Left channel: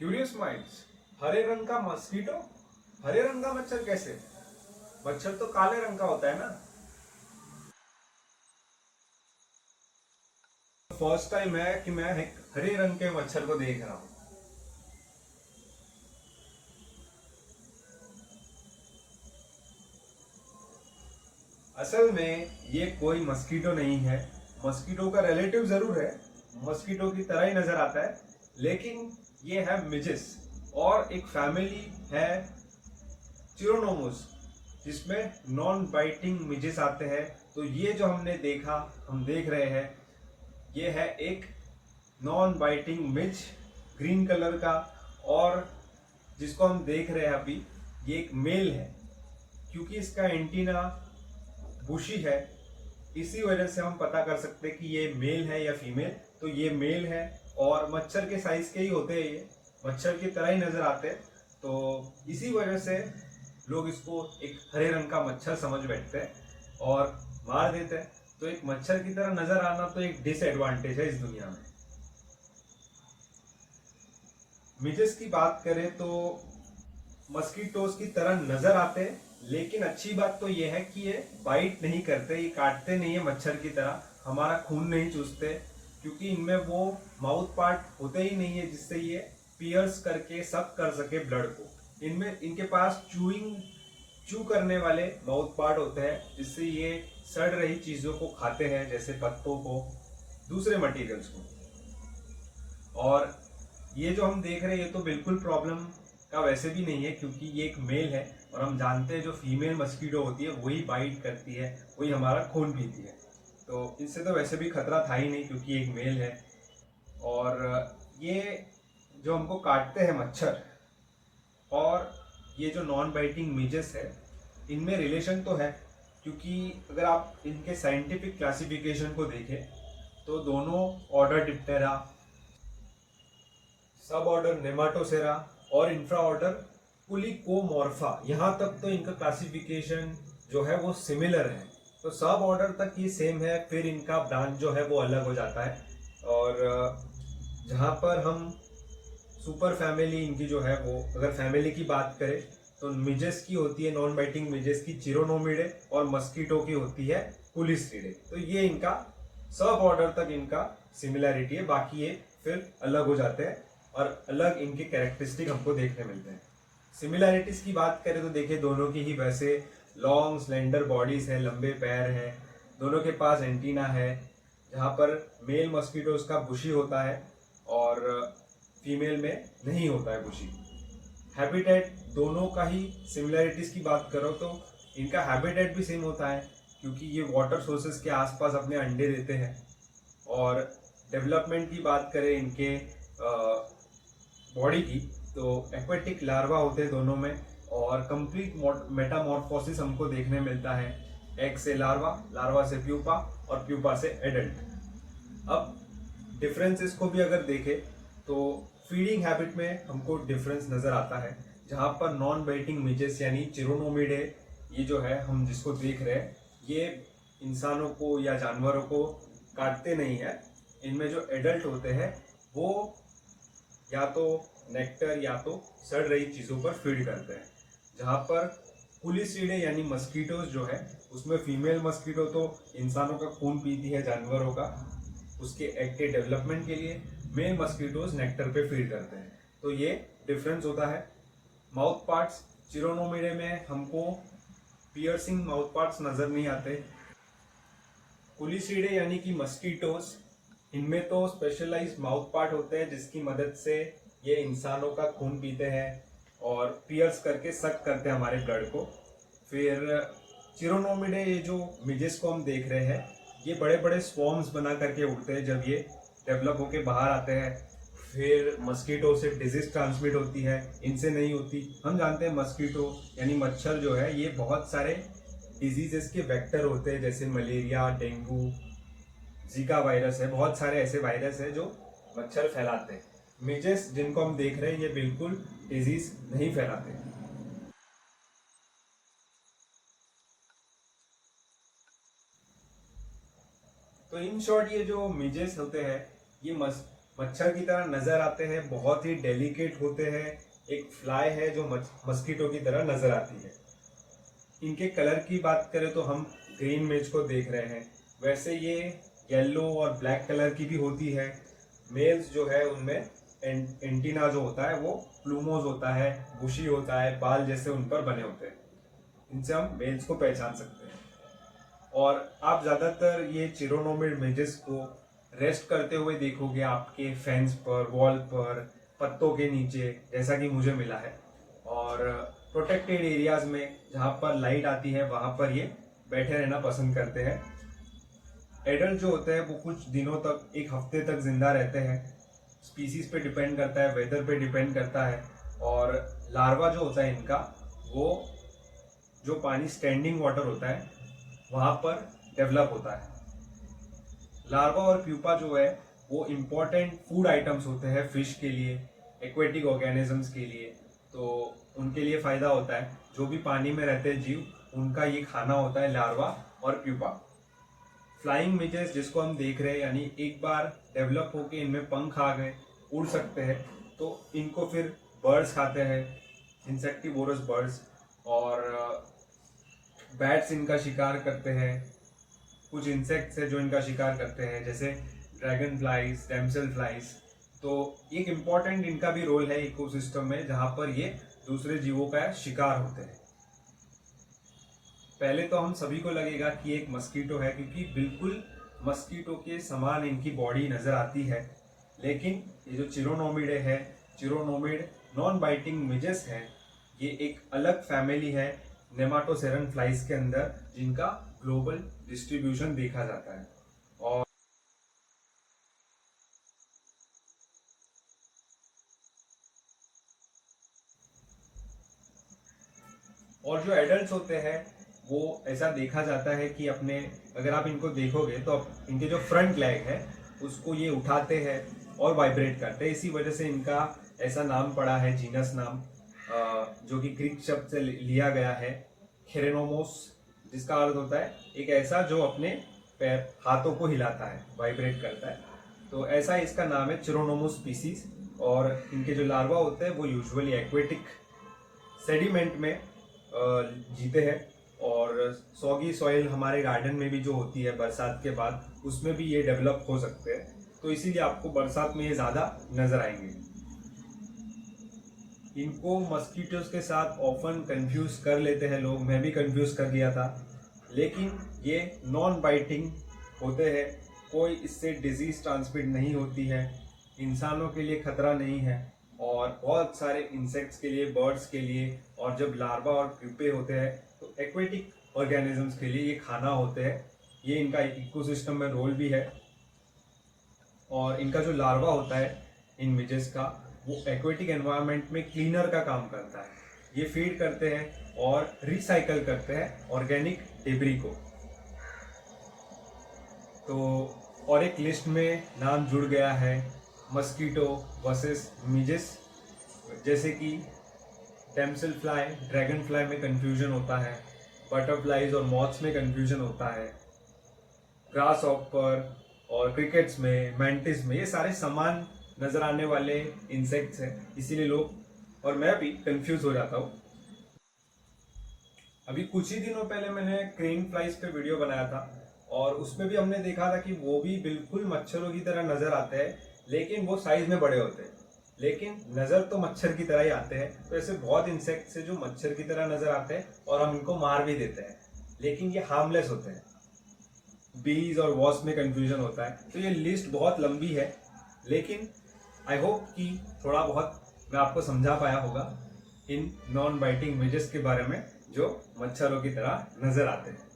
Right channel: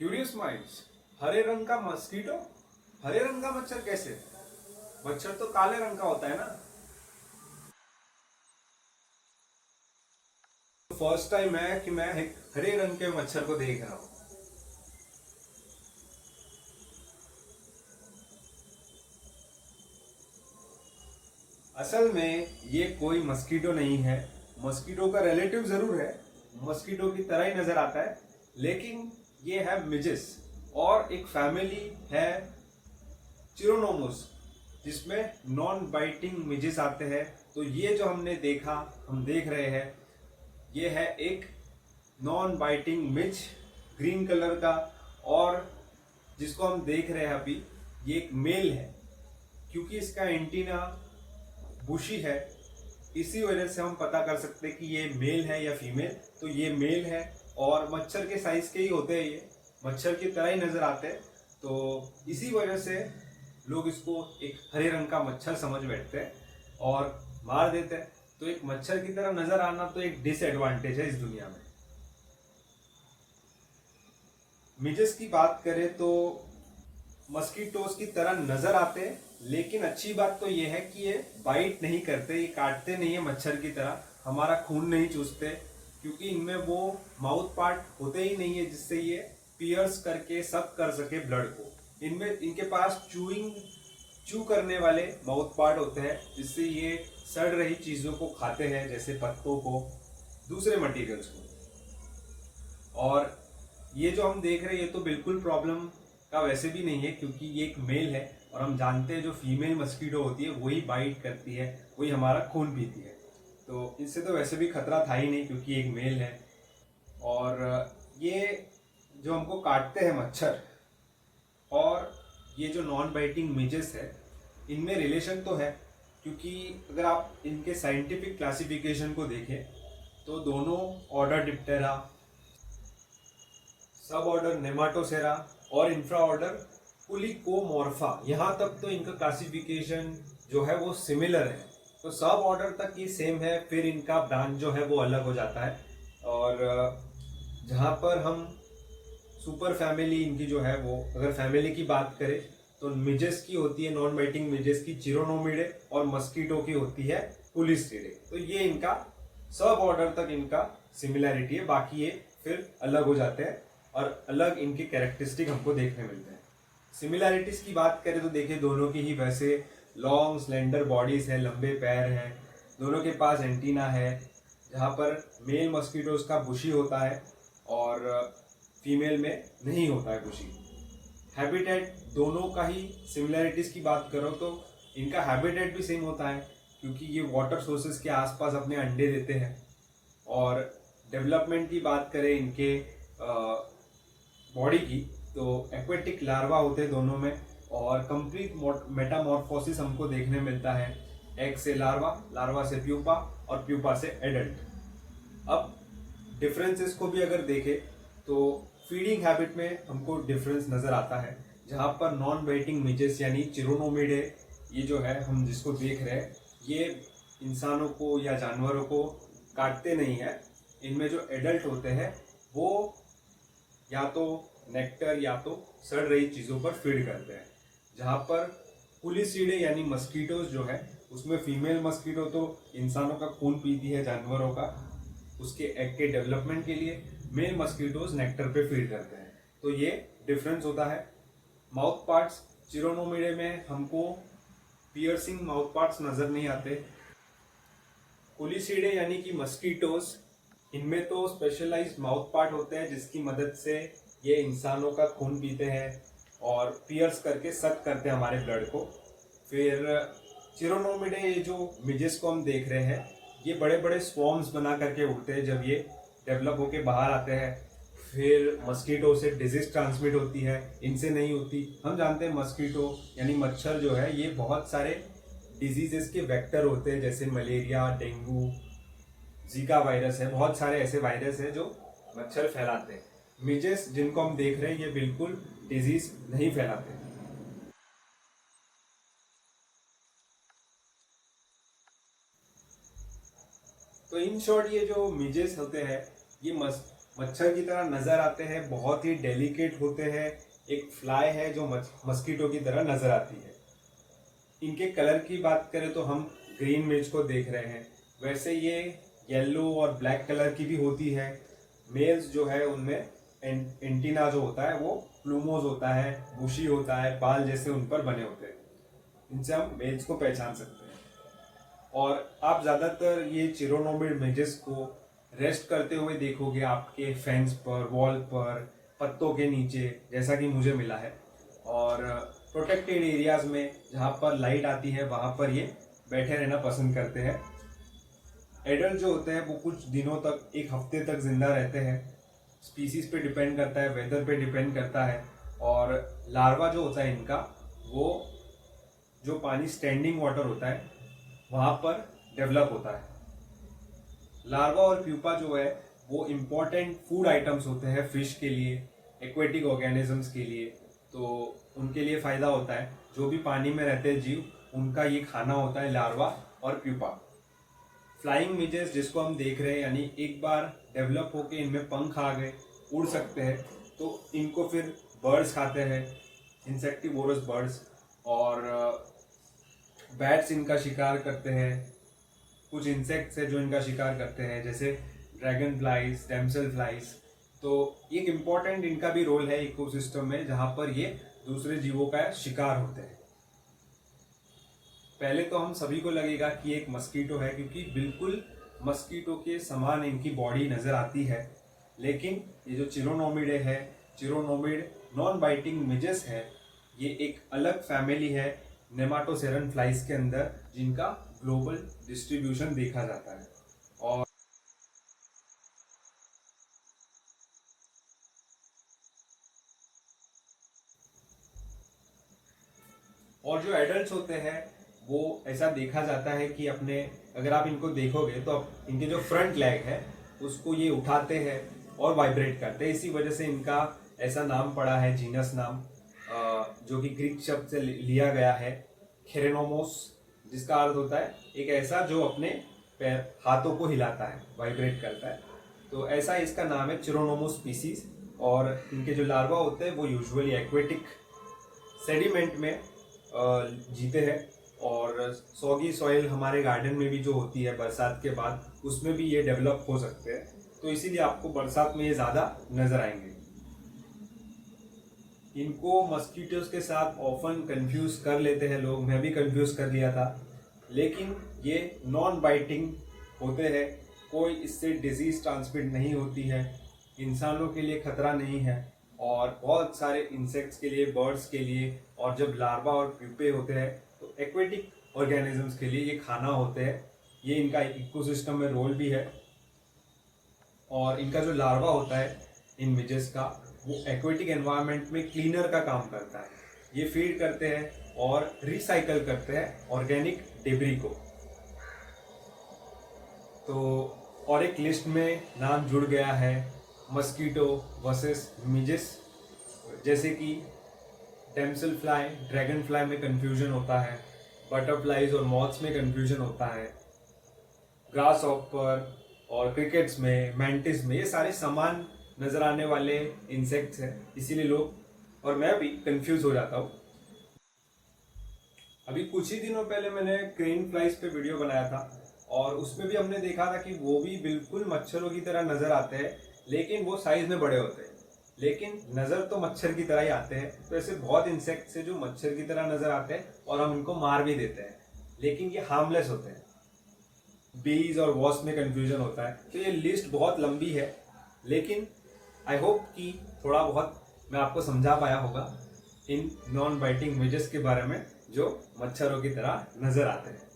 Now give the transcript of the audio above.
Curious minds. हरे रंग का mosquito, हरे रंग का मच्छर कैसे? मच्छर तो काले रंग का होता है ना। फर्स्ट टाइम है कि मैं एक हरे रंग के मच्छर को देख रहा हूँ। असल में ये कोई मस्कीटो नहीं है। मस्कीटो का रिलेटिव जरूर है, मस्कीटो की तरह ही नजर आता है, लेकिन ये है मिजिस। और एक फैमिली है चिरोनोमोस, जिसमें नॉन बाइटिंग मिजिस आते हैं। तो ये जो हमने देखा, हम देख रहे हैं, ये है एक नॉन बाइटिंग मिज, ग्रीन कलर का। और जिसको हम देख रहे हैं अभी, ये एक मेल है, क्योंकि इसका एंटीना बुशी है। इसी वजह से हम पता कर सकते हैं कि ये मेल है या फीमेल। तो ये मेल है और मच्छर के साइज के ही होते हैं, ये मच्छर की तरह ही नजर आते हैं। तो इसी वजह से लोग इसको एक हरे रंग का मच्छर समझ बैठते हैं और मार देते हैं। तो एक मच्छर की तरह नजर आना तो एक डिसएडवांटेज है इस दुनिया में। मिजेस की बात करें तो मस्कीटोज की तरह नजर आते हैं, लेकिन अच्छी बात तो ये है कि ये बाइट नहीं करते, ये काटते नहीं है मच्छर की तरह, हमारा खून नहीं चूसते, क्योंकि इनमें वो माउथ पार्ट होते ही नहीं है जिससे ये पियर्स करके सक कर सके ब्लड को। इनमें इनके पास चू करने वाले माउथ पार्ट होते हैं, जिससे ये सड़ रही चीजों को खाते हैं, जैसे पत्तों को, दूसरे मटेरियल्स को। और ये जो हम देख रहे हैं, ये तो बिल्कुल प्रॉब्लम का वैसे भी नहीं है, क्योंकि ये एक मेल है और हम जानते हैं जो फीमेल मस्कीटो होती है वही बाइट करती है, वही हमारा खून पीती है। तो इससे तो वैसे भी खतरा था ही नहीं, क्योंकि एक मेल है। और ये जो हमको काटते हैं मच्छर, और ये जो नॉन बाइटिंग मिजेस है, इनमें रिलेशन तो है, क्योंकि अगर आप इनके साइंटिफिक क्लासिफिकेशन को देखें तो दोनों ऑर्डर डिप्टेरा, सब ऑर्डर नेमाटोसेरा और इंफ्रा ऑर्डर पुलिकोमोर्फा, यहाँ तक तो इनका क्लासिफिकेशन जो है वो सिमिलर है। तो सब ऑर्डर तक ये सेम है, फिर इनका ब्रांच जो है वो अलग हो जाता है। और जहाँ पर हम सुपर फैमिली इनकी जो है, वो अगर फैमिली की बात करें तो मिजेस की होती है, नॉन बाइटिंग मिजेस की चिरोनोमिडे, और मस्कीटो की होती है पुलिस्टिडे। तो ये इनका सब ऑर्डर तक इनका सिमिलैरिटी है, बाकी ये फिर अलग हो जाते हैं और अलग इनके कैरेक्टरिस्टिक हमको देखने मिलते हैं। सिमिलैरिटीज की बात करें तो देखिए, दोनों की ही वैसे लॉन्ग स्लेंडर बॉडीज है, लंबे पैर हैं, दोनों के पास एंटीना है, जहाँ पर मेल मस्कीटोज का बुशी होता है और फीमेल में नहीं होता है बुशी। हैबिटेट दोनों का ही सिमिलैरिटीज की बात करो तो इनका हैबिटेट भी सेम होता है, क्योंकि ये वाटर सोर्सेज के आसपास अपने अंडे देते हैं। और डेवलपमेंट की बात करें इनके बॉडी की, तो एक्वेटिक लार्वा होते हैं दोनों में, और कंप्लीट मेटामॉर्फोसिस हमको देखने मिलता है। एग से लार्वा, लार्वा से प्यूपा और प्यूपा से एडल्ट। अब डिफरेंसेस को भी अगर देखें तो फीडिंग हैबिट में हमको डिफरेंस नजर आता है, जहाँ पर नॉन बाइटिंग मिजेस यानी चिरोनोमिडे, ये जो है हम जिसको देख रहे हैं, ये इंसानों को या जानवरों को काटते नहीं है। इनमें जो एडल्ट होते हैं वो या तो नेक्टर या तो सड़ रही चीज़ों पर फीड करते हैं। जहाँ पर पुलिसीडे यानी मस्कीटोज जो है, उसमें फीमेल मस्कीटो तो इंसानों का खून पीती है, जानवरों का, उसके एग के डेवलपमेंट के लिए। मेल मस्कीटोज नेक्टर पे फीड करते हैं। तो ये डिफरेंस होता है। माउथ पार्ट्स, चिरोनोमिडे में हमको पियर्सिंग माउथ पार्ट्स नजर नहीं आते। पुलिसीडे यानी कि मस्कीटोज, इनमें तो स्पेशलाइज्ड माउथ पार्ट होते हैं, जिसकी मदद से ये इंसानों का खून पीते हैं और पियर्स करके सक करते हैं हमारे ब्लड को। फिर चिरोनोमिडे, ये जो मिजेस को हम देख रहे हैं, ये बड़े बड़े स्वॉर्म्स बना करके उड़ते हैं जब ये डेवलप होके बाहर आते हैं। फिर मस्कीटो से डिजीज ट्रांसमिट होती है, इनसे नहीं होती। हम जानते हैं मस्कीटो यानी मच्छर जो है, ये बहुत सारे डिजीजेस के वेक्टर होते हैं, जैसे मलेरिया, डेंगू, जीका वायरस है, बहुत सारे ऐसे वायरस है जो मच्छर फैलाते हैं। मिजेस जिनको हम देख रहे हैं, ये बिल्कुल डिजीज नहीं फैलाते। तो इन शॉर्ट, ये जो मिजेस होते हैं, ये मच्छर की तरह नजर आते हैं, बहुत ही डेलिकेट होते हैं। एक फ्लाई है जो मस्कीटो की तरह नजर आती है। इनके कलर की बात करें तो हम ग्रीन मिर्च को देख रहे हैं, वैसे ये येलो और ब्लैक कलर की भी होती है। मेल्स जो है उनमें एंटीना जो होता है वो प्लूमोज होता है, बुशी होता है, बाल जैसे उन पर बने होते हैं। इनसे हम मेल्स को पहचान सकते हैं। और आप ज्यादातर ये चिरोनोमिड मेजेस को रेस्ट करते हुए देखोगे आपके फेंस पर, वॉल पर, पत्तों के नीचे, जैसा कि मुझे मिला है। और प्रोटेक्टेड एरियाज में जहाँ पर लाइट आती है वहां पर ये बैठे रहना पसंद करते हैं। एडल्ट जो होते हैं वो कुछ दिनों तक, एक हफ्ते तक जिंदा रहते हैं। स्पीसीज पे डिपेंड करता है, वेदर पे डिपेंड करता है। और लार्वा जो होता है इनका, वो जो पानी स्टैंडिंग वाटर होता है वहां पर डेवलप होता है। लार्वा और प्यूपा जो है वो इम्पोर्टेंट फूड आइटम्स होते हैं फिश के लिए, एक्वेटिक ऑर्गेनिजम्स के लिए। तो उनके लिए फायदा होता है। जो भी पानी में रहते हैं जीव, उनका ये खाना होता है लार्वा और प्यूपा। फ्लाइंग मिजेस जिसको हम देख रहे हैं, यानी एक बार डेवलप होके इनमें पंख आ गए, उड़ सकते हैं, तो इनको फिर बर्ड्स खाते हैं, इंसेक्टिवोरस बर्ड्स। और बैट्स इनका शिकार करते हैं। कुछ इंसेक्ट्स है जो इनका शिकार करते हैं, जैसे ड्रैगन फ्लाइज, डैमसेल फ्लाइज। तो एक इम्पॉर्टेंट इनका भी रोल है इकोसिस्टम में, जहां पर ये दूसरे जीवों का शिकार होते हैं। पहले तो हम सभी को लगेगा कि एक मस्कीटो है, क्योंकि बिल्कुल मस्कीटो के समान इनकी बॉडी नजर आती है। लेकिन ये जो चिरोनोमिडे है, चिरोनोमिड नॉन बाइटिंग मिजेस है, ये एक अलग फैमिली है नेमाटोसेरन फ्लाइज के अंदर, जिनका ग्लोबल डिस्ट्रीब्यूशन देखा जाता है। और जो एडल्ट्स होते हैं वो ऐसा देखा जाता है कि अपने, अगर आप इनको देखोगे तो इनके जो फ्रंट लेग है उसको ये उठाते हैं और वाइब्रेट करते हैं। इसी वजह से इनका ऐसा नाम पड़ा है, जीनस नाम, जो कि ग्रीक शब्द से लिया गया है, खेरेनोमोस, जिसका अर्थ होता है एक ऐसा जो अपने पैर, हाथों को हिलाता है, वाइब्रेट करता है। तो ऐसा इसका नाम है, चिरोनोमोस स्पीसीज। और इनके जो लार्वा होते हैं वो यूजुअली एक्वेटिक सेडिमेंट में जीते हैं। और सॉगी सॉइल हमारे गार्डन में भी जो होती है बरसात के बाद, उसमें भी ये डेवलप हो सकते हैं। तो इसीलिए आपको बरसात में ये ज्यादा नजर आएंगे। इनको मस्कीटोज के साथ ऑफन कंफ्यूज कर लेते हैं लोग, मैं भी कंफ्यूज कर लिया था। लेकिन ये नॉन बाइटिंग होते हैं, कोई इससे डिजीज ट्रांसमिट नहीं होती है, इंसानों के लिए खतरा नहीं है। और बहुत सारे इंसेक्ट्स के लिए, बर्ड्स के लिए, और जब लार्वा और प्यूपे होते हैं तो एक्वेटिक ऑर्गेनिजम्स के लिए ये खाना होते हैं। ये इनका इकोसिस्टम में रोल भी है। और इनका जो लार्वा होता है इन मिजेस का, वो एक्वेटिक एनवायरनमेंट में क्लीनर का काम करता है। ये फीड करते हैं और रिसाइकल करते हैं ऑर्गेनिक डेब्री को। तो और एक लिस्ट में नाम जुड़ गया है, मस्कीटो वर्सेस मिजेस। जैसे कि डैमसेल फ्लाई, ड्रैगन फ्लाई में कंफ्यूजन होता है, बटरफ्लाइज और मॉथ्स में कंफ्यूजन होता है, ग्रास हॉपर और क्रिकेट्स में, मैंटिस में, ये सारे समान नजर आने वाले इंसेक्ट्स हैं। इसीलिए लोग और मैं भी कंफ्यूज हो जाता हूँ। अभी कुछ ही दिनों पहले मैंने क्रेन फ्लाइज पे वीडियो बनाया था, और उसमें भी हमने देखा था कि वो भी बिल्कुल मच्छरों की तरह नजर आते हैं, लेकिन वो साइज में बड़े होते हैं। लेकिन नजर तो मच्छर की तरह ही आते हैं। तो ऐसे बहुत इंसेक्ट्स हैं जो मच्छर की तरह नजर आते हैं और हम इनको मार भी देते हैं, लेकिन ये हार्मलेस होते हैं। बीज और वॉस्प में कंफ्यूजन होता है। तो ये लिस्ट बहुत लंबी है, लेकिन आई होप कि थोड़ा बहुत मैं आपको समझा पाया होगा इन नॉन बाइटिंग मिजेस के बारे में जो मच्छरों की तरह नजर आते हैं।